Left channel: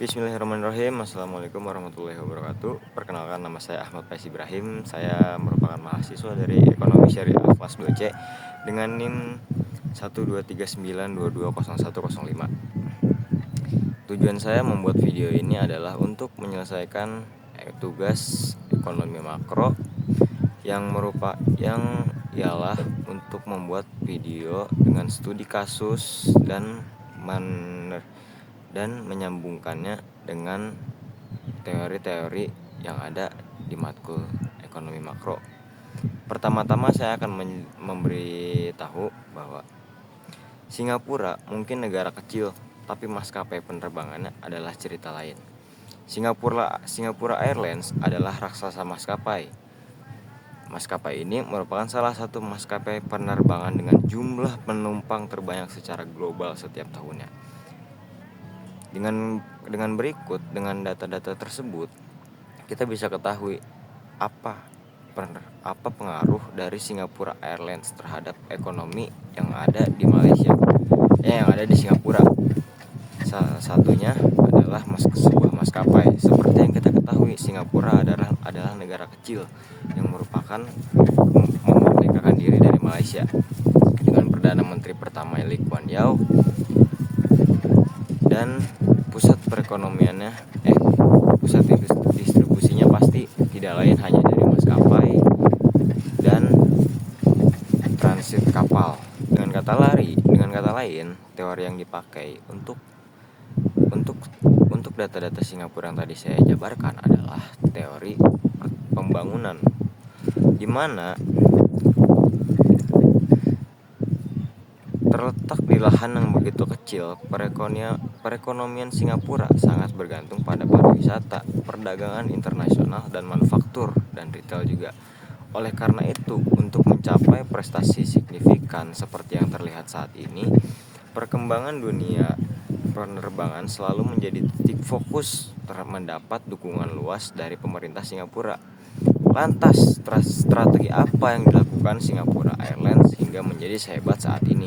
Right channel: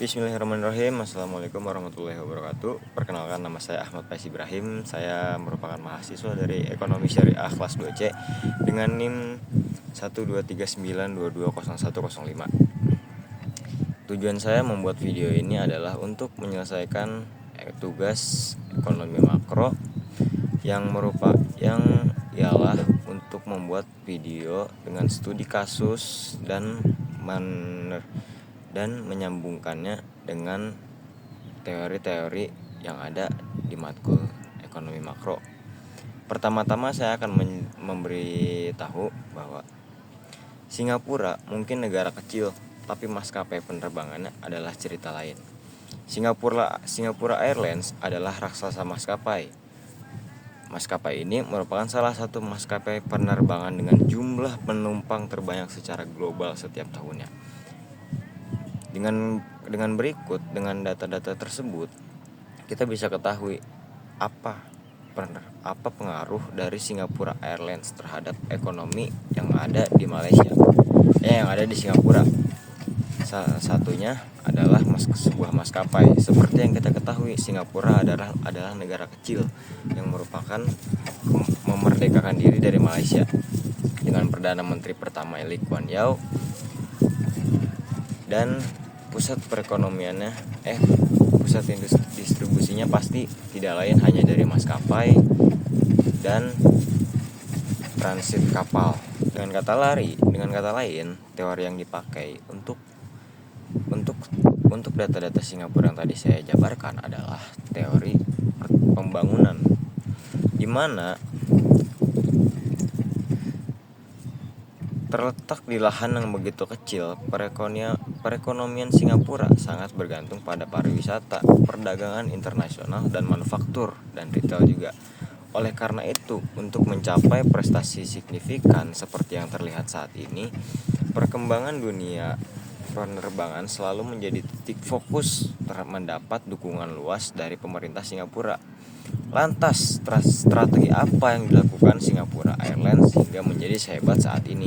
Bismillahirrahmanirrahim. Assalamualaikum warahmatullahi wabarakatuh. Perkenalkan, nama saya Ahmad Faiz Ibrahim. Saya merupakan mahasiswa dari Ekonomi Syariah kelas 2C dengan NIM 12392201005. Tujuan saya membuat video ini adalah untuk menyelesaikan tugas ekonomi makro yang ialah untuk membuat video dengan studi kasus dan menyambungkannya dengan teori-teori yang ada di matkul ekonomi makro. Pertama-tama saya akan memberitahu bahwa Singapura mungkin negara kecil, tapi maskapai penerbangannya adalah cerita lain. Singapura Airlines adalah raksasa maskapai. Maskapai ini merupakan salah satu maskapai penerbangan dengan jumlah penumpang terbanyak secara global setiap tahunnya. Dengan data-data tersebut, kita bisa ketahui apa pengaruh dari Singapura Airlines terhadap ekonomi yang ada di Malaysia, yang ada di Singapura. Salah satunya adalah sebuah maskapai. Seperti yang kita ketahui, Singapura adalah negara kecil yang merupakan memerdekakan diri dari Malaysia dengan Perdana Menteri pertama Lee Kuan Yew, dan pusat distribusinya pasti tidak lain hanya dari maskapai dan transit kapal. Dengan kata lain, teori yang dipakai untuk data-data Singapura yang tadi saya jabarkan adalah teori pembangunan, di mana terletak di lahan yang begitu kecil. Perekonomian Singapura sangat bergantung pada pariwisata, perdagangan internasional, dan manufaktur dan retail juga. Oleh karena itu, untuk mencapai prestasi signifikan seperti yang terlihat saat ini, perkembangan dunia penerbangan selalu menjadi titik fokus mendapat dukungan luas dari pemerintah Singapura. Lantas, strategi apa yang dilakukan Singapura Airlines hingga menjadi sehebat saat ini?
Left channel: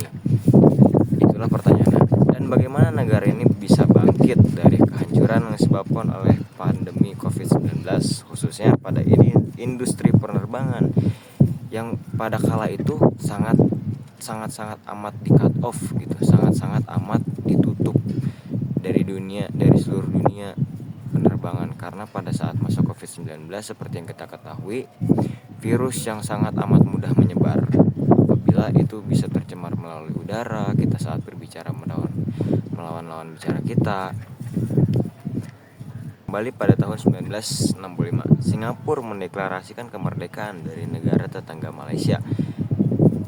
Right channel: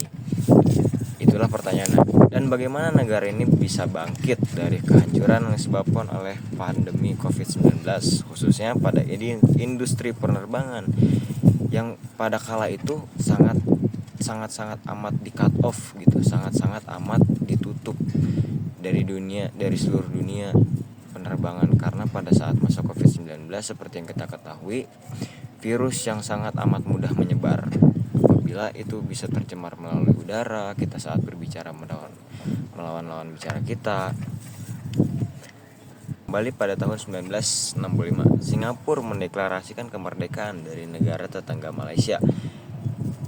Itulah pertanyaannya. Dan bagaimana negara ini bisa bangkit dari kehancuran yang disebabkan oleh pandemi COVID-19, khususnya pada industri penerbangan yang pada kala itu sangat amat di cut off gitu, sangat amat ditutup dari seluruh dunia penerbangan, karena pada saat masa COVID-19 seperti yang kita ketahui, virus yang sangat amat mudah menyebar apabila itu bisa tercemar melalui udara kita saat berbicara melawan lawan bicara kita. Kembali pada tahun 1965, Singapura mendeklarasikan kemerdekaan dari negara tetangga Malaysia.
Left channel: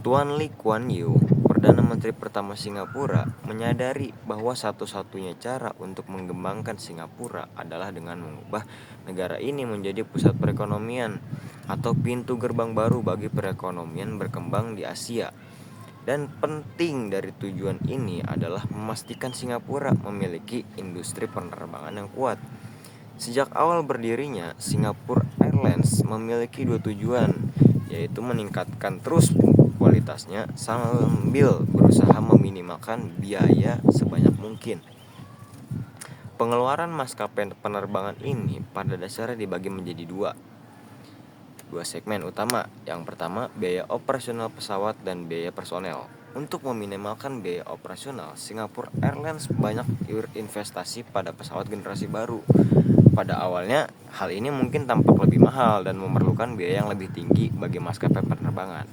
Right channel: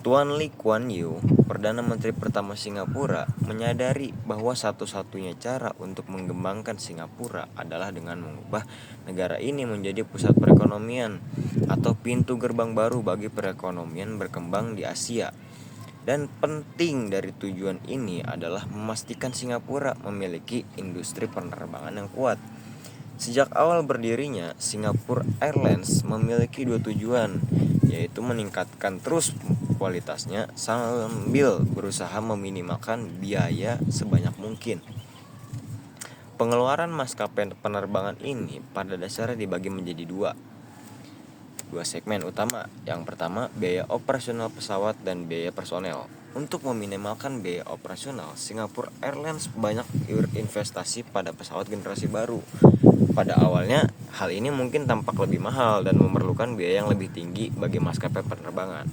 Tuan Lee Kuan Yew, Perdana Menteri pertama Singapura, menyadari bahwa satu-satunya cara untuk mengembangkan Singapura adalah dengan mengubah negara ini menjadi pusat perekonomian atau pintu gerbang baru bagi perekonomian berkembang di Asia. Dan penting dari tujuan ini adalah memastikan Singapura memiliki industri penerbangan yang kuat. Sejak awal berdirinya, Singapura Airlines memiliki dua tujuan, yaitu meningkatkan terus kualitasnya sambil berusaha meminimalkan biaya sebanyak mungkin. Pengeluaran maskapai penerbangan ini pada dasarnya dibagi menjadi dua segmen utama. Yang pertama, biaya operasional pesawat dan biaya personel. Untuk meminimalkan biaya operasional, Singapura Airlines banyak berinvestasi pada pesawat generasi baru. Pada awalnya, hal ini mungkin tampak lebih mahal dan memerlukan biaya yang lebih tinggi bagi maskapai penerbangan.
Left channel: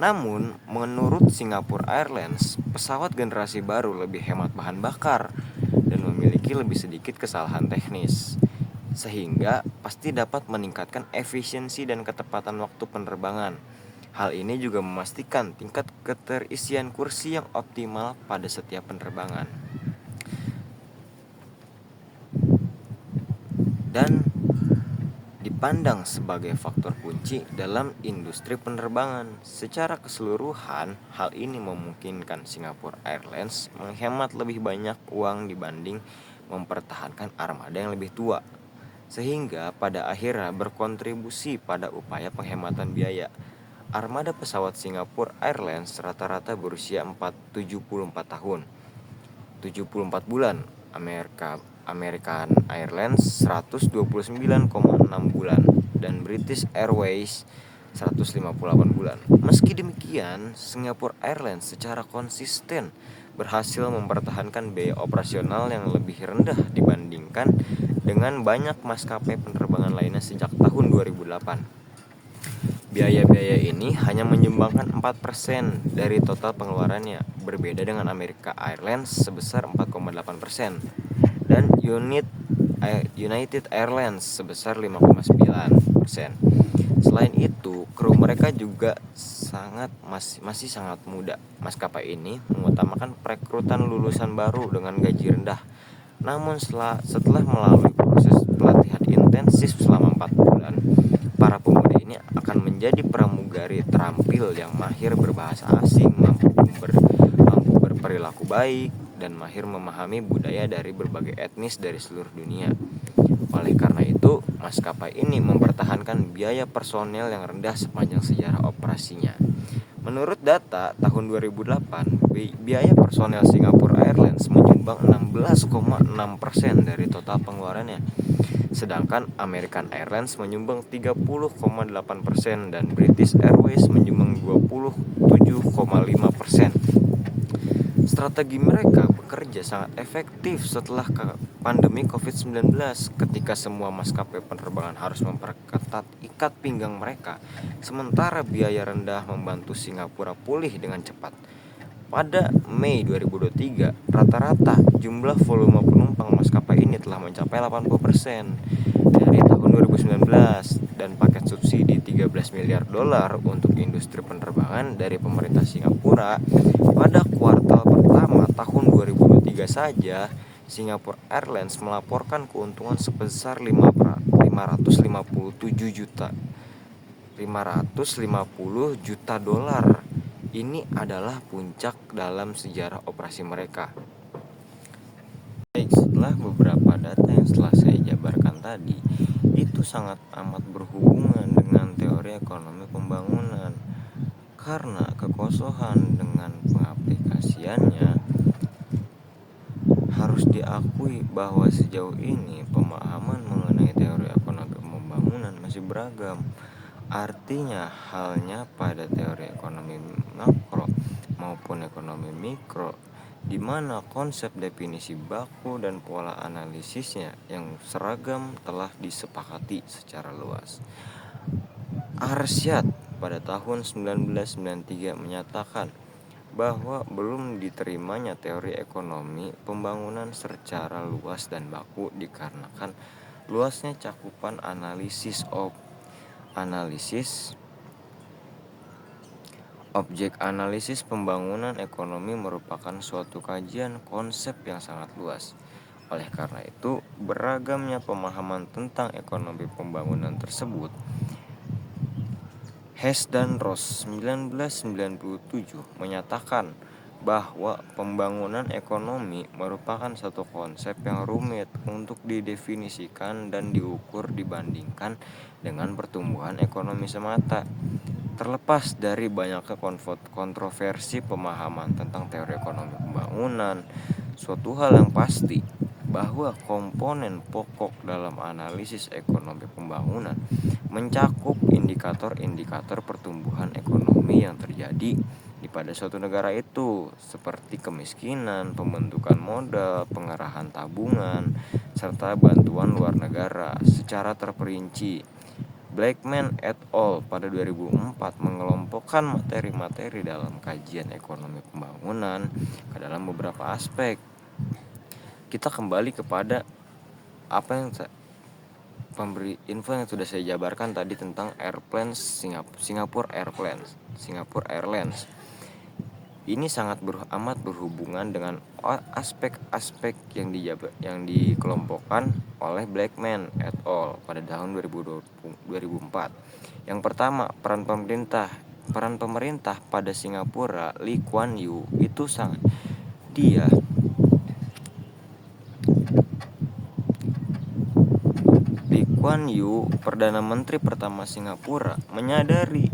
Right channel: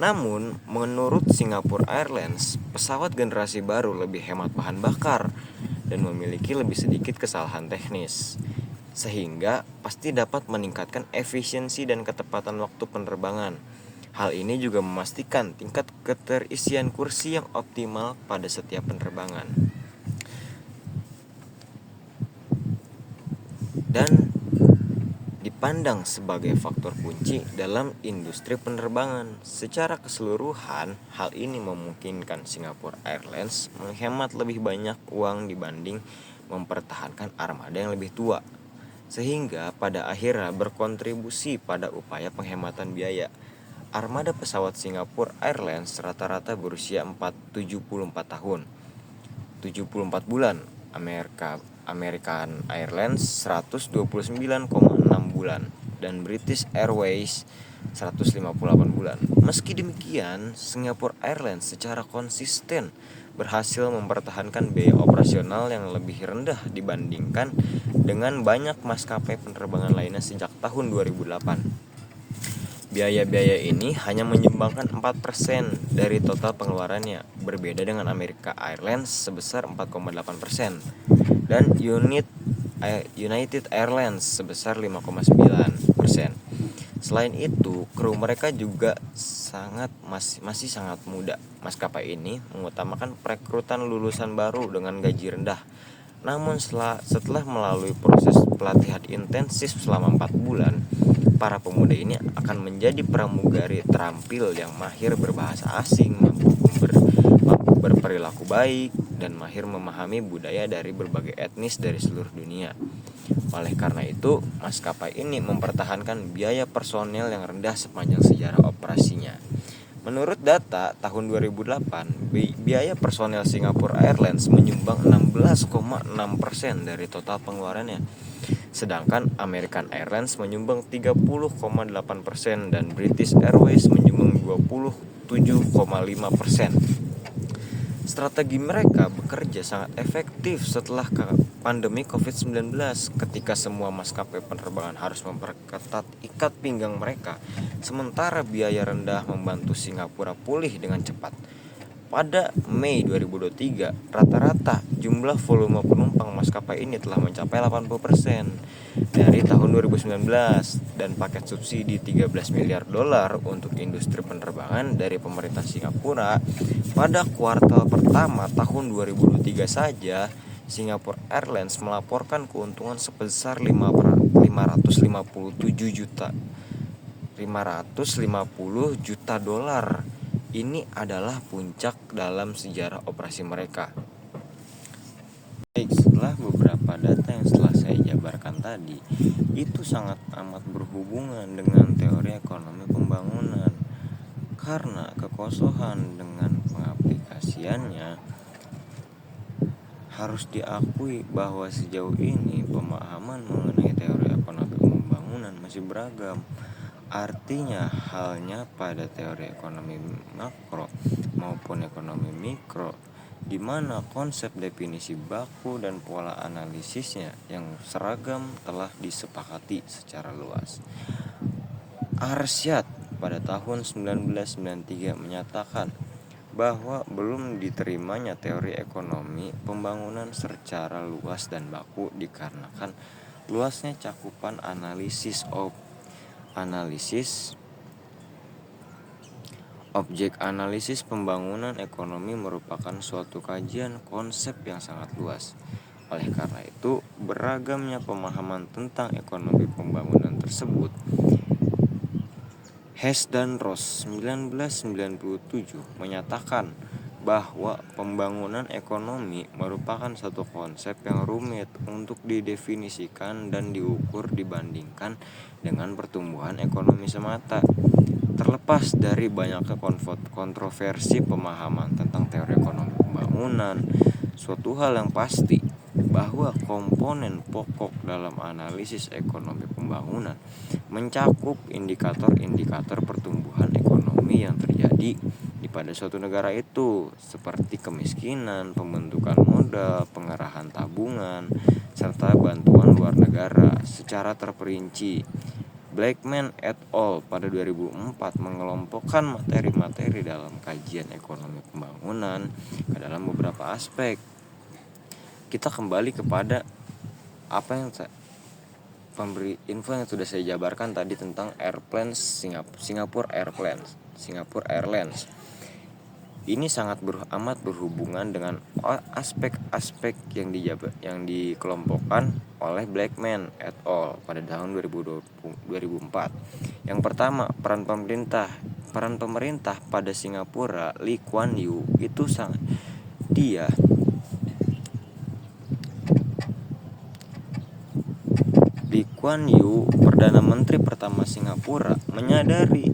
Namun, menurut Singapura Airlines, pesawat generasi baru lebih hemat bahan bakar dan memiliki lebih sedikit kesalahan teknis, sehingga pasti dapat meningkatkan efisiensi dan ketepatan waktu penerbangan. Hal ini juga memastikan tingkat keterisian kursi yang optimal pada setiap penerbangan. Dan dipandang sebagai faktor kunci dalam industri penerbangan. Secara keseluruhan, hal ini memungkinkan Singapura Airlines menghemat lebih banyak uang dibanding mempertahankan armada yang lebih tua, sehingga pada akhirnya berkontribusi pada upaya penghematan biaya. Armada pesawat Singapura Airlines rata-rata berusia 74 tahun, 74 bulan American Airlines 129,6 bulan dan British Airways 158 bulan. Meski demikian, Singapore Airlines secara konsisten berhasil mempertahankan biaya operasional yang lebih rendah dibandingkan dengan banyak maskapai penerbangan lainnya sejak tahun 2008. Biaya-biaya ini hanya menyumbangkan 4% dari total pengeluarannya, berbeda dengan American Airlines sebesar 4,8% dan United Airlines sebesar 5,9%. Selain itu, kru mereka juga masih sangat muda. Maskapai ini mengutamakan perekrutan lulusan baru dengan gaji rendah. Namun setelah melalui proses pelatihan intensif selama 4 bulan, para pemuda ini akan menjadi pramugari terampil yang mahir berbahasa asing, mampu berperilaku baik, dan mahir memahami budaya dari berbagai etnis dari seluruh dunia. Oleh karena itu, maskapai ini mempertahankan biaya personel yang rendah sepanjang sejarah operasinya. Menurut data tahun 2008, biaya personel Singapore Airlines menyumbang 16,6% dari total pengeluarannya. Sedangkan American Airlines menyumbang 30,8% dan British Airways menyumbang 27,5%. Strategi mereka bekerja sangat efektif setelah pandemi COVID-19 ketika semua maskapai penerbangan harus memperketat ikat pinggang mereka, sementara biaya rendah membantu Singapura pulih dengan cepat. Pada Mei 2023, rata-rata jumlah volume penumpang maskapai ini telah mencapai 80% dari tahun 2019 dan paket subsidi 13 miliar dolar untuk industri penerbangan dari pemerintah Singapura pada kuartal pertama tahun 2023 saja. Singapore Airlines melaporkan keuntungan sebesar 550 juta dolar. Ini adalah puncak dalam sejarah operasi mereka. Baik, setelah beberapa data yang telah saya jabarkan tadi, itu sangat amat berhubungan dengan teori ekonomi pembangunan. Karena kekosongan dengan pengaplikasiannya, harus diakui bahwa sejauh ini pemahaman mengenai teori ekonomi pembangunan masih beragam. Artinya halnya pada teori ekonomi makro maupun ekonomi mikro, di mana konsep definisi baku dan pola analisisnya yang seragam telah disepakati secara luas. Arsyad pada tahun 1993 menyatakan bahwa belum diterimanya teori ekonomi pembangunan secara luas dan baku dikarenakan luasnya cakupan objek analisis pembangunan ekonomi merupakan suatu kajian konsep yang sangat luas. Oleh karena itu, beragamnya pemahaman tentang ekonomi pembangunan tersebut. Hess dan Ross 1997 menyatakan bahwa pembangunan ekonomi merupakan satu konsep yang rumit untuk didefinisikan dan diukur dibandingkan dengan pertumbuhan ekonomi semata. Terlepas dari banyaknya kontroversi pemahaman tentang teori ekonomi pembangunan, suatu hal yang pasti bahwa komponen pokok dalam analisis ekonomi pembangunan mencakup indikator-indikator pertumbuhan ekonomi yang terjadi di pada suatu negara itu, seperti kemiskinan, pembentukan modal, pengerahan tabungan, serta bantuan luar negara secara terperinci. Blackman et al. Pada 2004 mengelompokkan materi-materi dalam kajian ekonomi pembangunan ke dalam beberapa aspek. Kita kembali kepada apa yang pemberi info yang sudah saya jabarkan tadi tentang Singapore Airlines. Ini sangat amat berhubungan dengan aspek-aspek yang dikelompokkan oleh Blackman et al. Pada tahun 2004. Yang pertama, peran pemerintah pada Singapura. Lee Kuan Yew Lee Kuan Yew, Perdana Menteri pertama Singapura, menyadari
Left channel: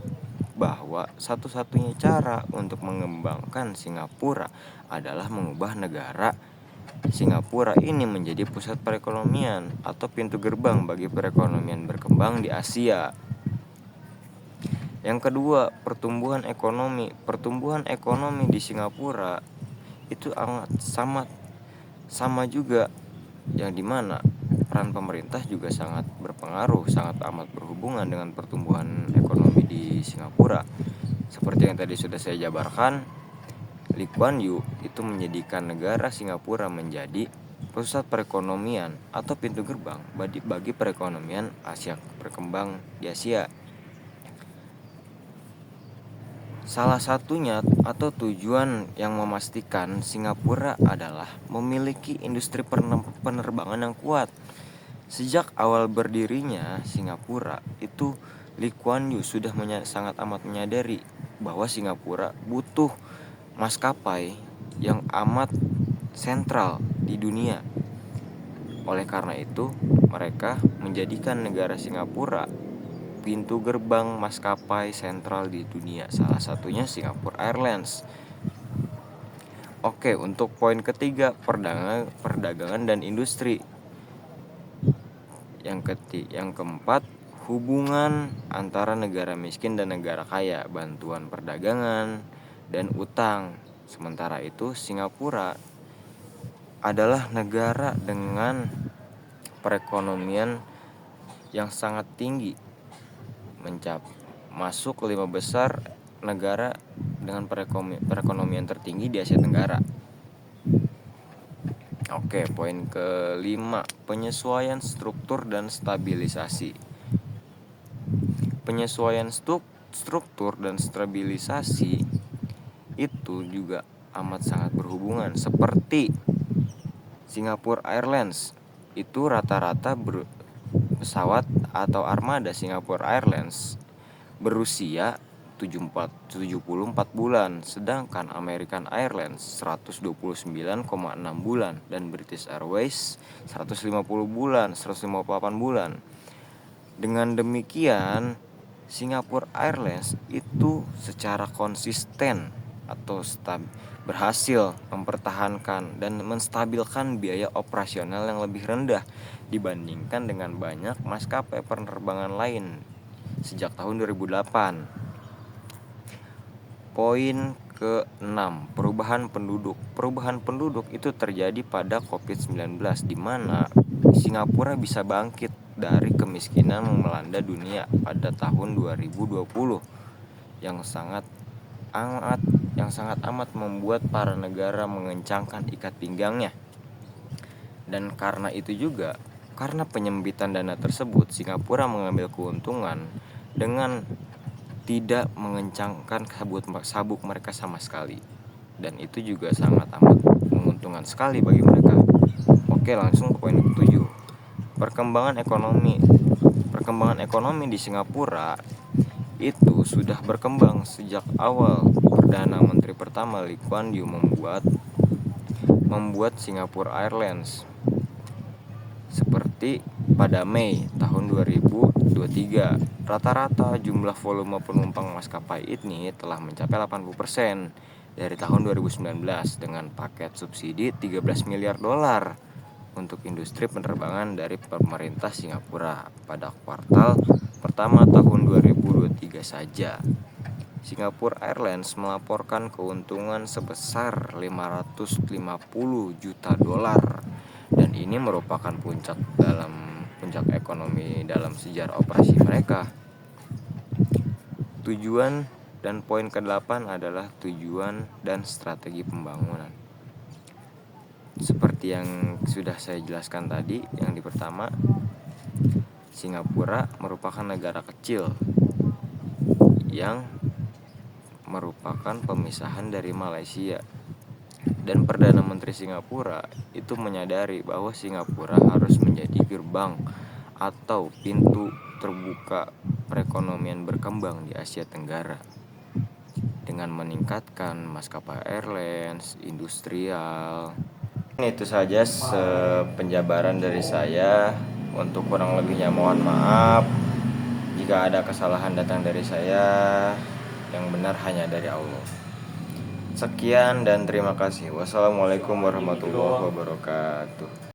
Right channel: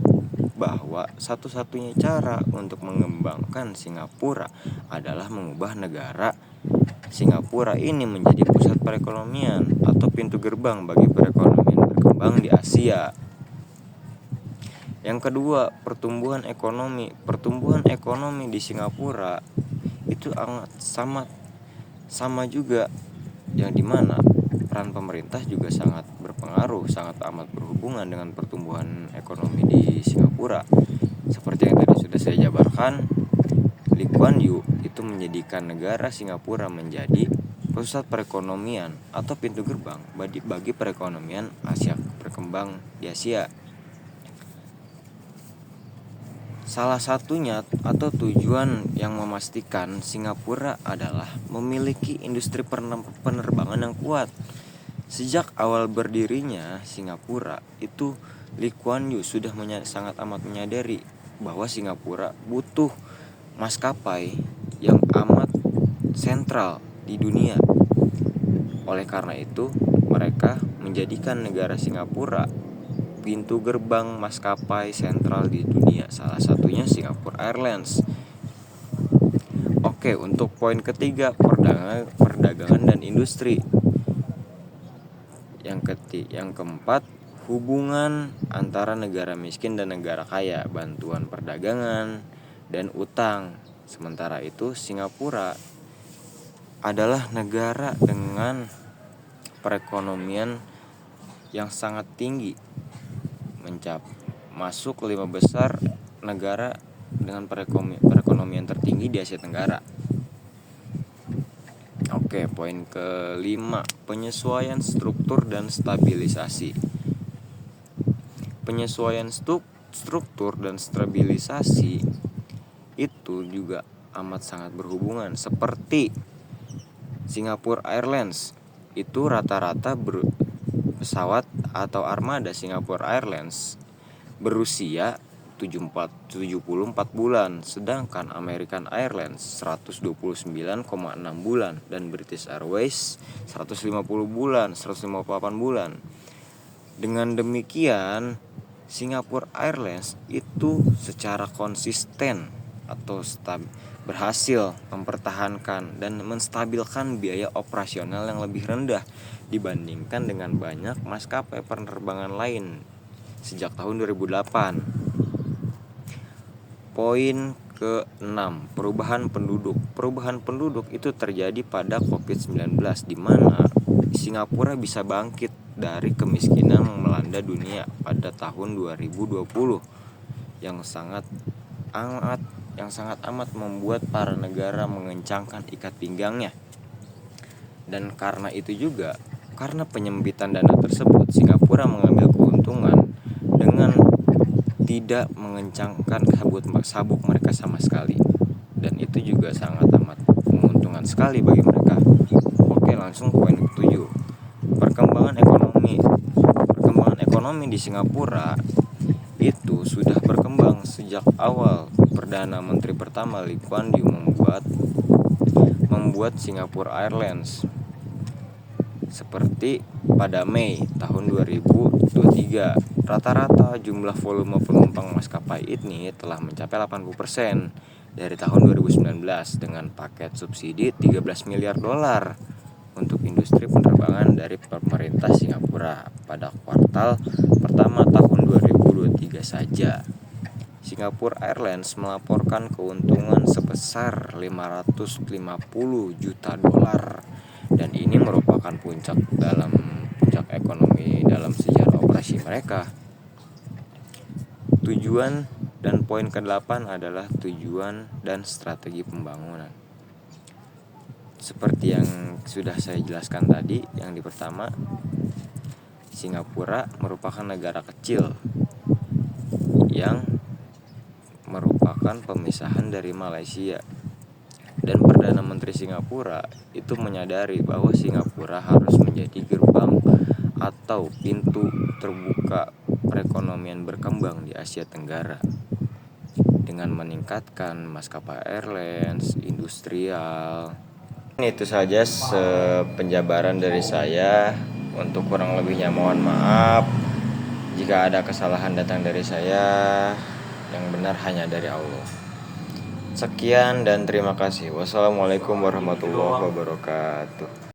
bahwa satu-satunya cara untuk mengembangkan Singapura adalah mengubah negara Singapura ini menjadi pusat perekonomian atau pintu gerbang bagi perekonomian berkembang di Asia. Yang kedua, pertumbuhan ekonomi. Pertumbuhan ekonomi di Singapura itu sama juga, yang dimana peran pemerintah juga sangat berpengaruh, sangat amat berhubungan dengan pertumbuhan ekonomi di Singapura. Seperti yang tadi sudah saya jabarkan, Lee Kuan Yew itu menjadikan negara Singapura menjadi pusat perekonomian atau pintu gerbang bagi perekonomian Asia berkembang di Asia. Salah satunya atau tujuan yang memastikan Singapura adalah memiliki industri penerbangan yang kuat. Sejak awal berdirinya Singapura itu, Lee Kuan Yew sudah sangat amat menyadari bahwa Singapura butuh maskapai yang amat sentral di dunia. Oleh karena itu, mereka menjadikan negara Singapura pintu gerbang maskapai sentral di dunia, salah satunya Singapore Airlines. Oke, untuk poin ketiga, perdagangan dan industri. Yang keempat, hubungan antara negara miskin dan negara kaya, bantuan perdagangan dan utang. Sementara itu, Singapura adalah negara dengan perekonomian yang sangat tinggi, masuk 5 besar negara dengan perekonomian tertinggi di Asia Tenggara. Oke, poin kelima, penyesuaian struktur dan stabilisasi. Penyesuaian struktur dan stabilisasi itu juga amat sangat berhubungan. Seperti Singapore Airlines, itu rata-rata pesawat atau armada Singapore Airlines berusia 74 bulan, sedangkan American Airlines 129,6 bulan dan British Airways 150 bulan, 158 bulan. Dengan demikian, Singapore Airlines itu secara konsisten atau berhasil mempertahankan dan menstabilkan biaya operasional yang lebih rendah dibandingkan dengan banyak maskapai penerbangan lain sejak tahun 2008. Poin ke-6, perubahan penduduk. Perubahan penduduk itu terjadi pada COVID-19, di mana Singapura bisa bangkit dari kemiskinan yang melanda dunia pada tahun 2020 yang sangat amat membuat para negara mengencangkan ikat pinggangnya. Dan karena itu juga, karena penyempitan dana tersebut, Singapura mengambil keuntungan dengan tidak mengencangkan sabuk mereka sama sekali, dan itu juga sangat amat menguntungkan sekali bagi mereka. Oke, langsung poin ke-7, perkembangan ekonomi di Singapura itu sudah berkembang sejak awal Perdana Menteri pertama Lee Kuan Yew membuat Singapore Airlines. Seperti pada Mei tahun 2023, rata-rata jumlah volume penumpang maskapai ini telah mencapai 80% dari tahun 2019 dengan paket subsidi 13 miliar dolar untuk industri penerbangan dari pemerintah Singapura pada kuartal pertama tahun 2023 saja. Singapore Airlines melaporkan keuntungan sebesar 550 juta dolar, dan ini merupakan puncak ekonomi dalam sejarah operasi mereka. Tujuan dan poin ke-8 adalah tujuan dan strategi pembangunan. Seperti yang sudah saya jelaskan tadi, yang pertama, Singapura merupakan negara kecil yang merupakan pemisahan dari Malaysia. Dan Perdana Menteri Singapura itu menyadari bahwa Singapura harus menjadi gerbang atau pintu terbuka perekonomian berkembang di Asia Tenggara dengan meningkatkan maskapai airlines, industrial. Itu saja penjabaran dari saya. Untuk kurang lebihnya mohon maaf. Jika ada kesalahan datang dari saya, Yang benar hanya dari Allah. Sekian dan terima kasih. Wassalamualaikum warahmatullahi wabarakatuh.